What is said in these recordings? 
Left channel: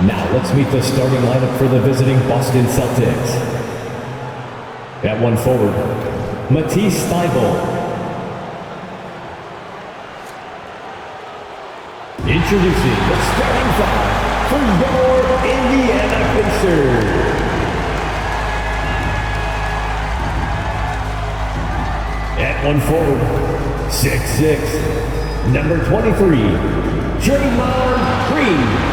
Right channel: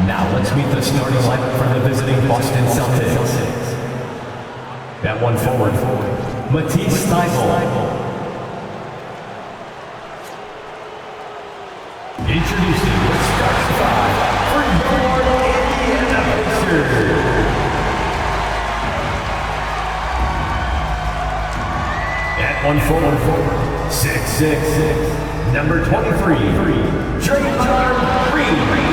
Now let's meet the starting lineup for the visiting Boston Celtics. At one forward, Matisse Thybulle. Introducing the starting five for your Indiana Pacers. At one forward, 6'6", number 23, Draymond Green.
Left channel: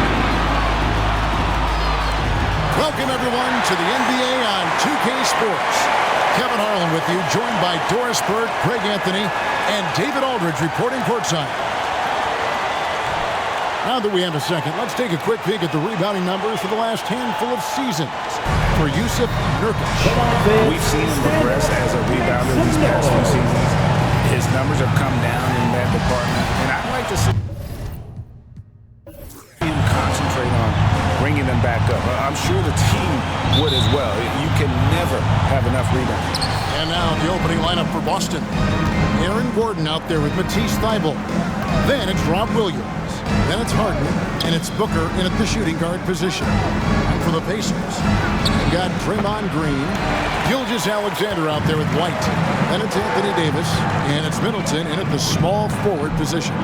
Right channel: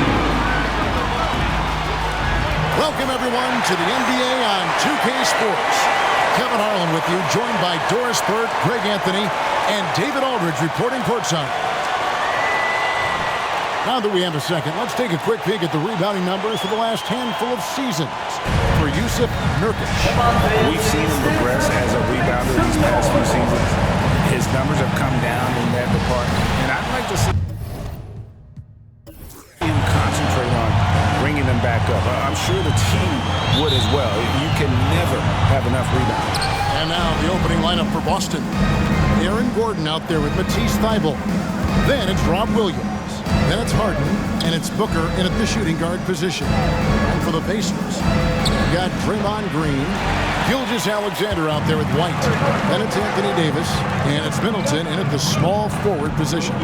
Welcome, everyone, to the NBA on 2K Sports. Kevin Harlan with you, joined by Doris Burke, Greg Anthony, and David Aldridge reporting courtside. Now that we have a second, let's take a quick peek at the rebounding numbers for the last handful of seasons for Jusuf Nurkic. We've seen him regress as a rebounder these past few seasons. His numbers have come down in that department, and I'd like to see him concentrate on bringing them back up. I'm sure the team would as well. You can never have enough rebounds. And now the opening lineup for Boston. Aaron Gordon out there with Matisse Thybulle. Then it's Rob Williams. Then it's Harden, and it's Booker in at the shooting guard position. And for the Pacers, they've got Draymond Green, Gilgeous-Alexander out there with White. Then it's Anthony Davis, and it's Middleton in at the small forward position.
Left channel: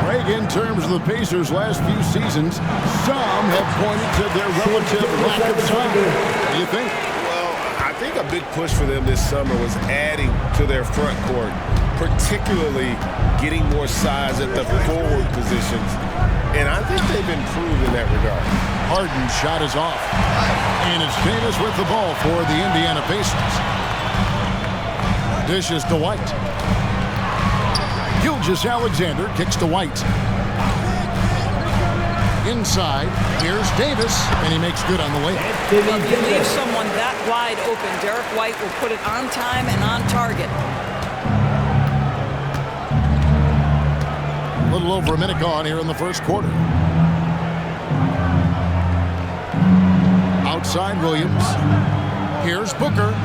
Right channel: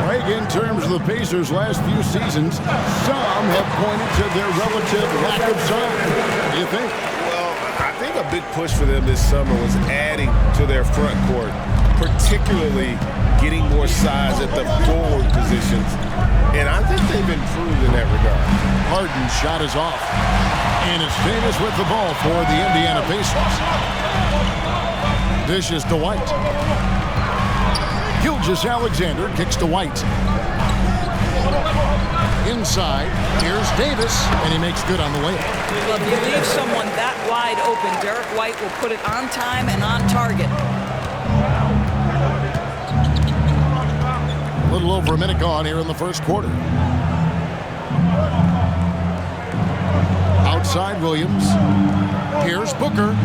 Greg, in terms of the Pacers' last few seasons, some have pointed to their relative lack of size. What do you think? Well, I think a big push for them this summer was adding to their front court, particularly getting more size at the forward positions. And I think they've improved in that regard. Harden's shot is off. And it's Davis with the ball for the Indiana Pacers. Dishes to White. Gilgeous-Alexander kicks to White. Inside, here's Davis, and he makes good on the layup. Well, if you leave someone that wide open, Derek White will put it on time and on target. A little over a minute gone here in the first quarter. Outside Williams. Here's Booker.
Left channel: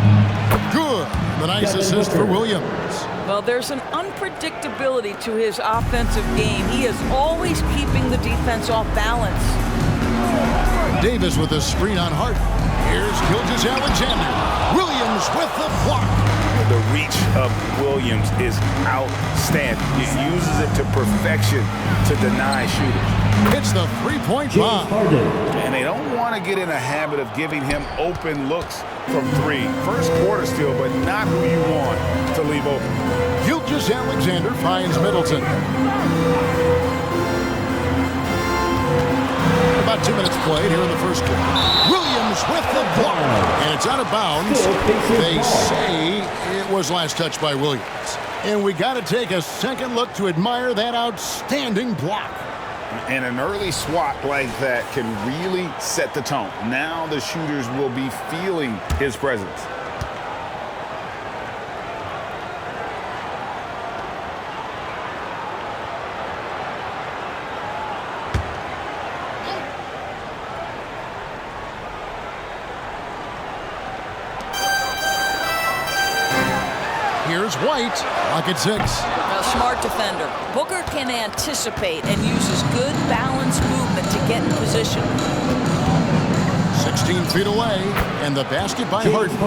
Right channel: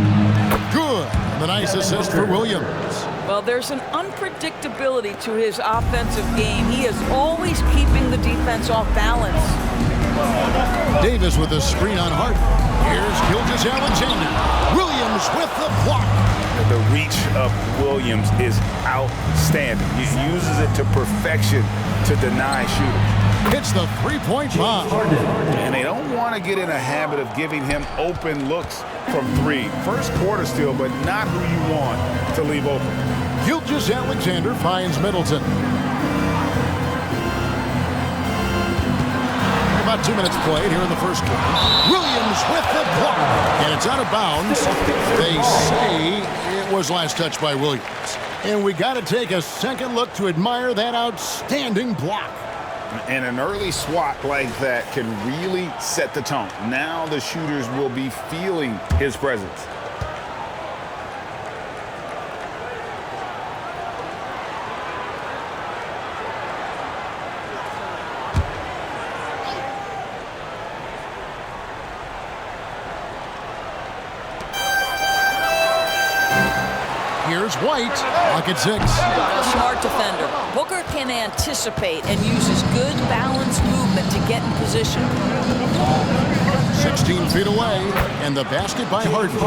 Good. And the nice assist for Williams. Well, there's an unpredictability to his offensive game. He is always keeping the defense off balance. Davis with a screen on Harden. Here's Gilgeous-Alexander. Williams with the block. The reach of Williams is outstanding. He uses it to perfection to deny shooters. It's the three-point bomb. And they don't want to get in a habit of giving him open looks from three. First quarter still, but not who you want to leave open. Gilgeous-Alexander finds Middleton. About 2 minutes played here in the first quarter. Williams with the block. And it's out of bounds. They say it was last touched by Williams. And we got to take a second look to admire that outstanding block. And an early swat like that can really set the tone. Now the shooters will be feeling his presence. Here's White, lock at 6. A smart defender. Booker can anticipate and uses good balanced movement to get in position. 16 feet away, and the basket by Harden.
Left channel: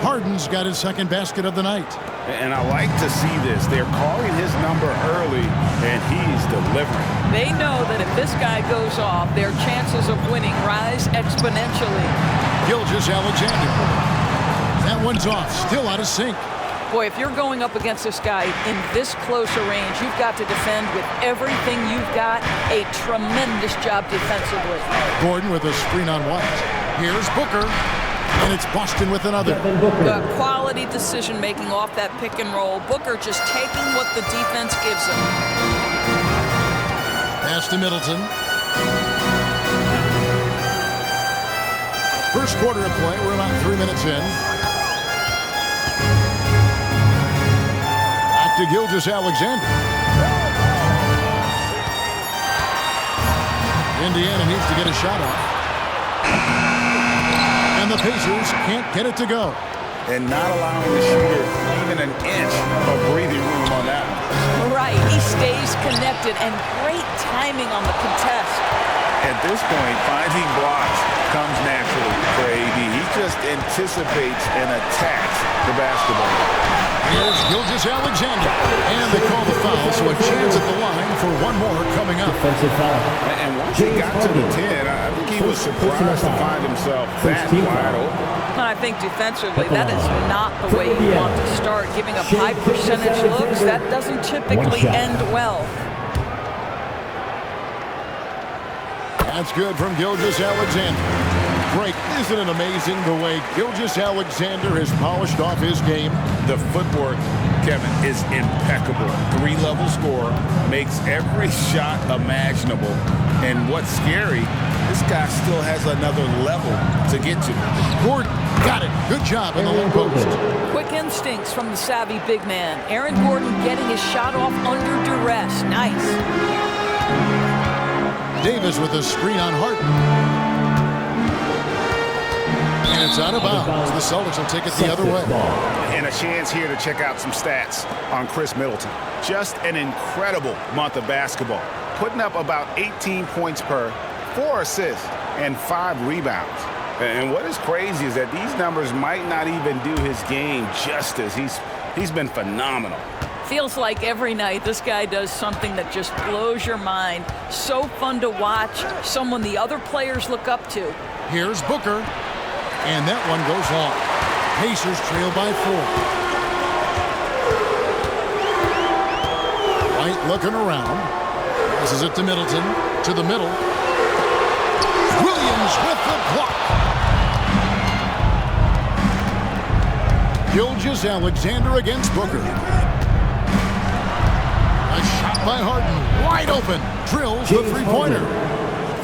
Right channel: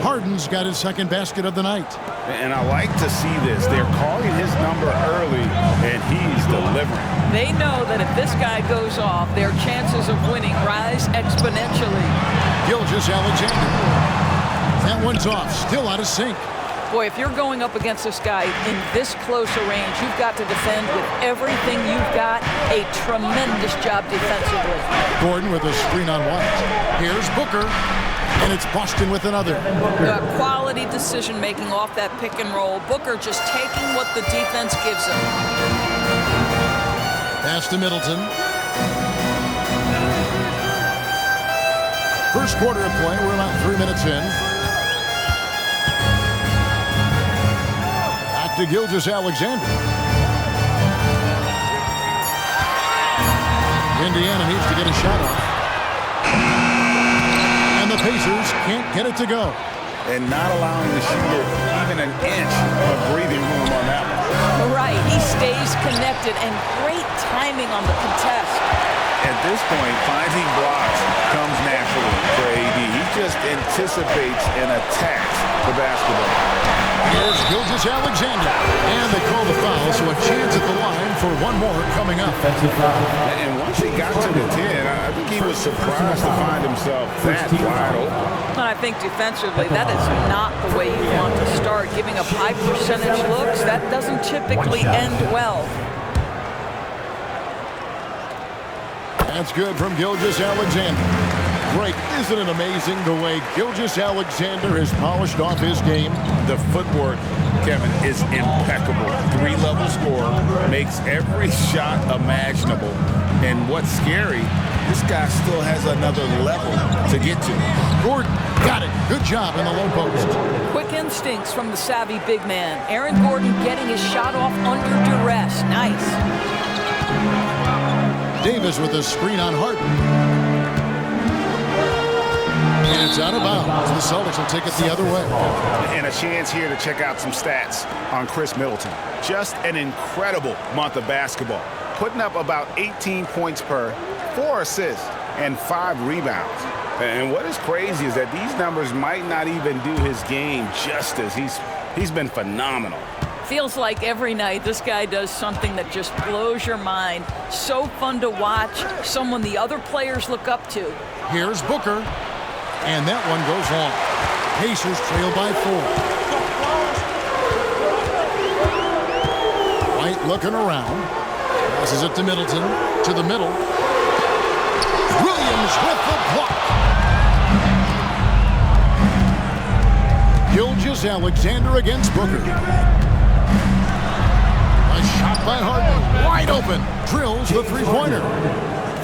Harden's got his second basket of the night. And I like to see this. They're calling his number early, and he's delivering. They know that if this guy goes off, their chances of winning rise exponentially. Gilgeous-Alexander. That one's off, still out of sync. Boy, if you're going up against this guy in this close a range, you've got to defend with everything you've got. A tremendous job defensively. Gordon with a screen on White. Here's Booker, and it's Boston with another. Quality decision-making off that pick and roll. Booker just taking what the defense gives him. Pass to Middleton. First quarter of play, we're about 3 minutes in. To Gilgeous-Alexander. Indiana needs to get a shot off. And the Pacers can't get it to go. And not allowing the shooter even an inch of breathing room on that one. Right, he stays connected, and great timing on the contest. At this point, finding blocks comes naturally for AD. He just anticipates and attacks the basketball. Here's Gilgeous-Alexander. And they call the foul, so a chance at the line for one more coming up. Defensive foul. And once he got to the 10, I think he was surprised to find himself that wide open. And I think defensively, that is not the way you want to start. Giving up high percentage looks, that doesn't typically end well. That's good from Gilgeous-Alexander. Greg, isn't it amazing the way Gilgeous-Alexander has polished off his game? The footwork, Kevin, is impeccable. 3-level scorer, makes every shot imaginable. And what's scary, this guy still has another level to get to. Gordon got it. Good job in the low post. Quick instincts from the savvy big man. Aaron Gordon getting his shot off under duress. Nice. Davis with a screen on Harden. And it's out of bounds. The Celtics will take it the other way. And a chance here to check out some stats on Chris Middleton. Just an incredible month of basketball. Putting up about 18 points per, 4 assists, and 5 rebounds. And what is crazy is that these numbers might not even do his game justice. He's been phenomenal. Feels like every night this guy does something that just blows your mind. So fun to watch, someone the other players look up to. Here's Booker. And that one goes long. Pacers trail by 4. White looking around. Passes it to Middleton. To the middle. Williams with the block. Gilgeous-Alexander against Booker. A shot by Harden. Wide open. Drills the three-pointer.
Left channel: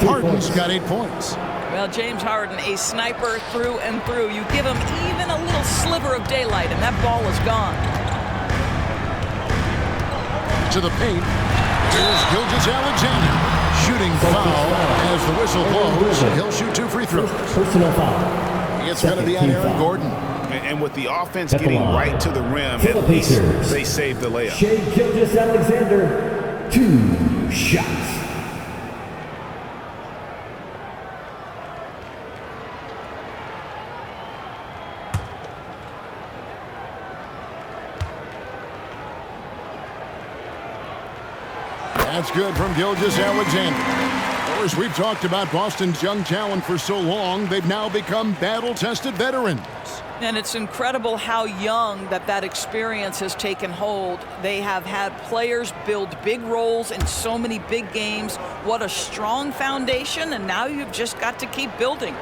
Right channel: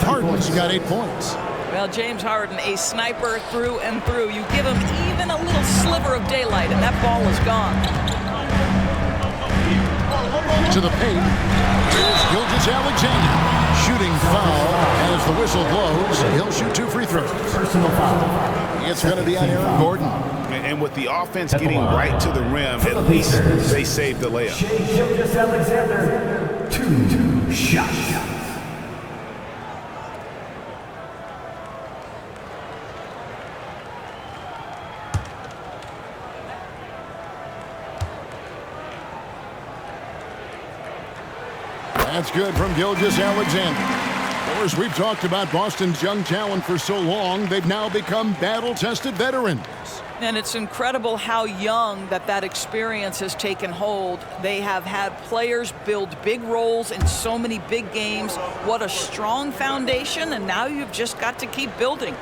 Harden's got 8 points. Well, James Harden, a sniper through and through. You give him even a little sliver of daylight, and that ball is gone. To the paint. Here's Gilgeous-Alexander. Shooting foul as the whistle blows. He'll shoot 2 free throws. Personal foul. It's going to be on Aaron Gordon. And with the offense getting right to the rim, at least they saved the layup. Shai Gilgeous-Alexander, 2 shots. That's good from Gilgeous-Alexander. Of course, we've talked about Boston's young talent for so long, they've now become battle-tested veterans. And it's incredible how young that experience has taken hold. They have had players build big roles in so many big games. What a strong foundation, and now you've just got to keep building.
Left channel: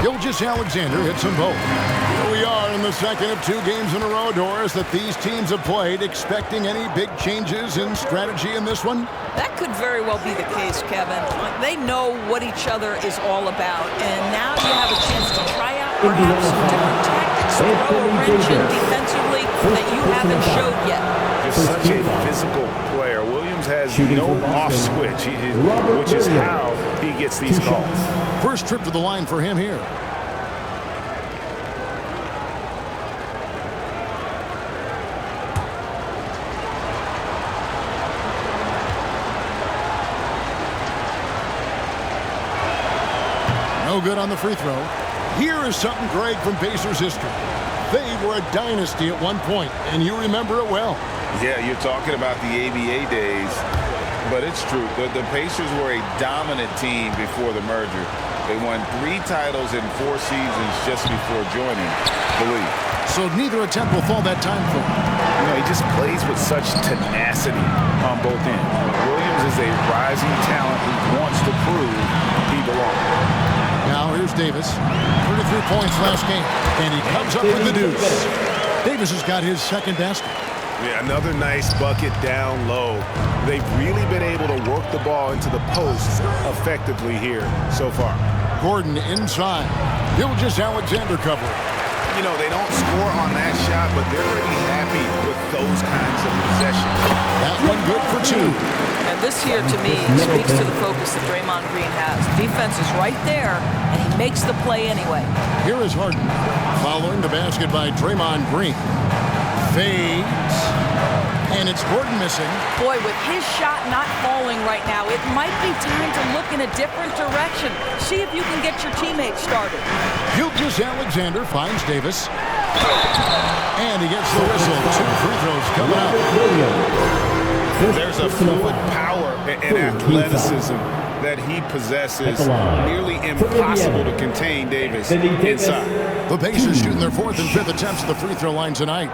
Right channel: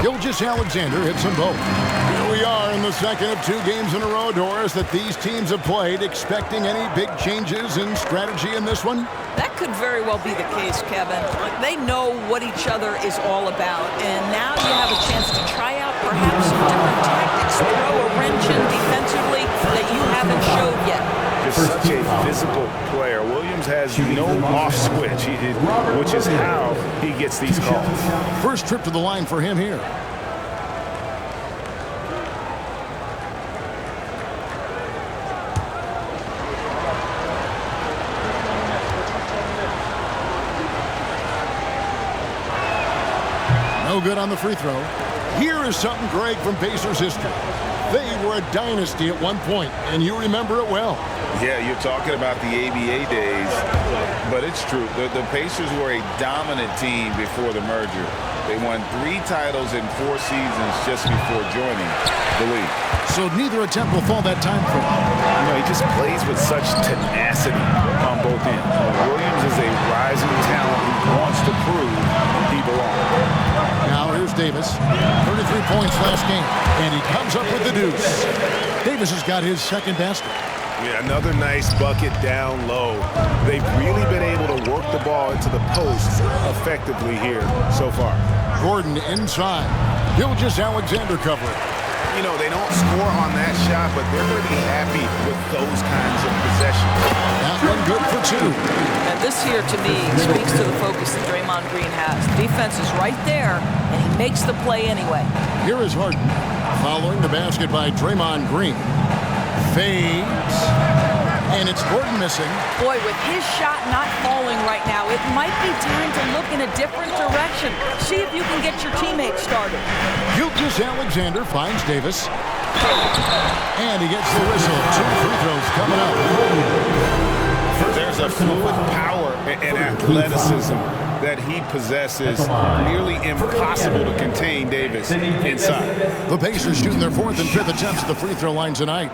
Gilgeous-Alexander hits them both. Here we are in the second of 2 games in a row, Doris, that these teams have played. Expecting any big changes in strategy in this one? That could very well be the case, Kevin. They know what each other is all about, and now you have a chance to try out perhaps some different tactics, throw a wrench in defensively that you haven't showed yet. Just such a physical player. Williams has no off switch, which is how he gets these calls. First trip to the line for him here. No good on the free throw. Here is something, Greg, from Pacers history. They were a dynasty at one point, and you remember it well. Yeah, you're talking about the ABA days, but it's true. The Pacers were a dominant team before the merger. They won 3 titles in 4 seasons just before joining the league. So neither attempt will fall that time for him. You know, he just plays with such tenacity on both ends. Williams is a rising talent who wants to prove he belongs. Now here's Davis. 33 points last game, and he comes up with the deuce. Davis has got his second basket. Yeah, another nice bucket down low. They've really been able to work the ball into the post effectively here so far. Gordon inside. Gilgeous-Alexander covering. You know, they don't score on that shot, but they're going to be happy with those kinds of possessions. That one good for 2. And this here, to me, speaks to the focus that Draymond Green has. Defense is right there, and he makes the play anyway. Here is Harden following the basket by Draymond Green. Fades. And it's Gordon missing. Boy, with his shot not falling right now, it might be time to look in a different direction. See if you can get your teammates started. Gilgeous-Alexander finds Davis. And he gets the whistle. 2 free throws coming up. There's a fluid power and athleticism that he possesses. Nearly impossible to contain Davis inside. The Pacers shooting their 4th and 5th attempts at the free throw line tonight.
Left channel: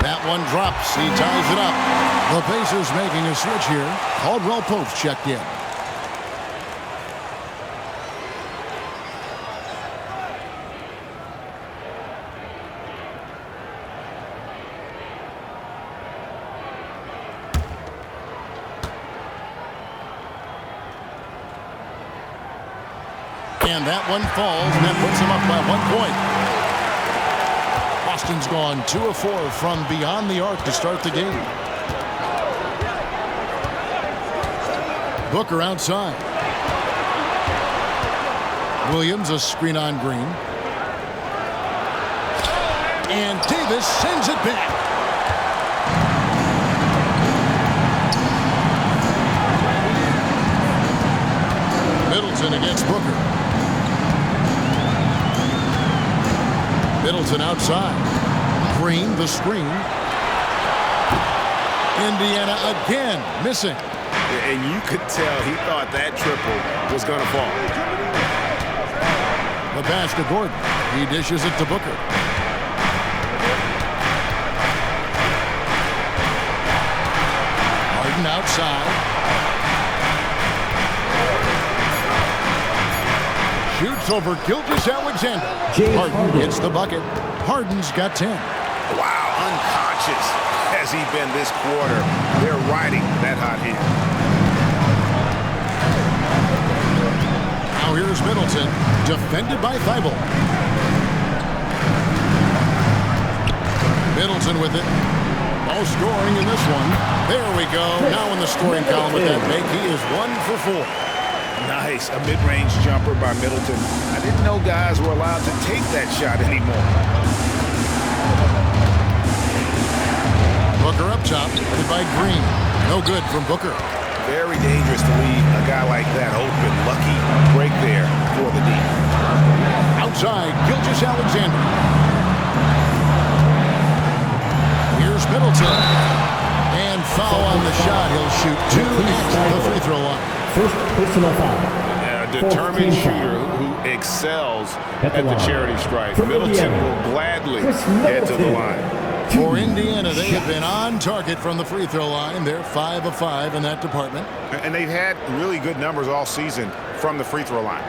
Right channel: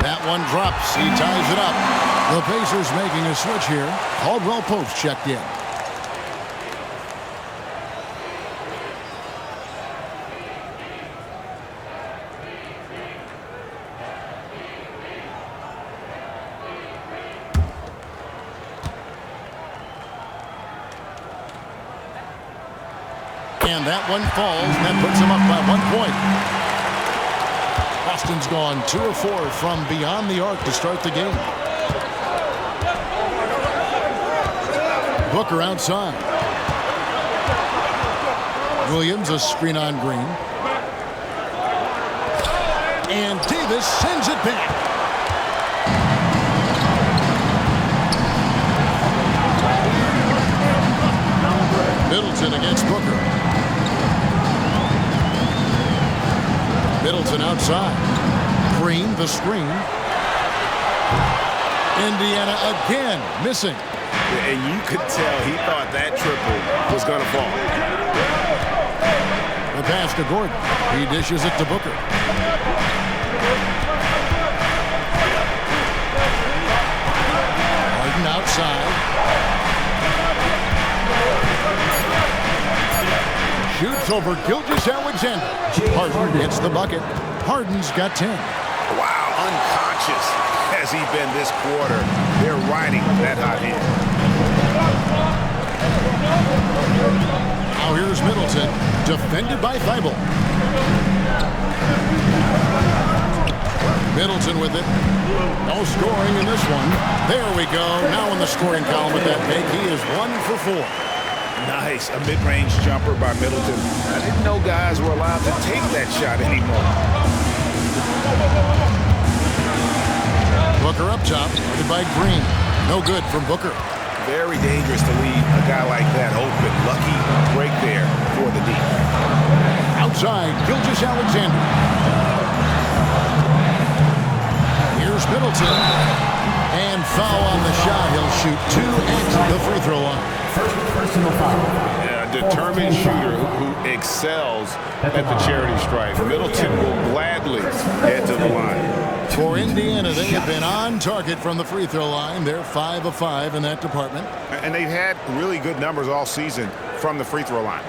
That one drops. He ties it up. The Pacers making a switch here. Caldwell Pope's checked in. And that one falls, and that puts him up by 1 point. Boston's gone 2 of 4 from beyond the arc to start the game. Booker outside. Williams a screen on Green. And Davis sends it back. Middleton against Booker. Middleton outside. Green the screen. Indiana again missing. And you could tell he thought that triple was going to fall. The pass to Gordon. He dishes it to Booker. Harden outside. Shoots over Gilgeous-Alexander. Harden hits the bucket. Harden's got 10. Wow, unconscious has he been this quarter. They're riding that hot hand. Now here's Middleton, defended by Thibault. Middleton with it. No scoring in this one. There we go. Now in the scoring column with that make, he is 1 for 4. Nice, a mid-range jumper by Middleton. I didn't know guys were allowed to take that shot anymore. Booker up top, guarded by Green. No good from Booker. Very dangerous to leave a guy like that open. Lucky break there for the D. Outside, Gilgeous-Alexander. Here's Middleton. And foul on the shot. He'll shoot 2 at the free throw line. First personal foul. A determined shooter who excels at the charity stripe. Middleton will gladly head to the line. For Indiana, they have been on target from the free throw line. They're 5 of 5 in that department. And they've had really good numbers all season from the free throw line.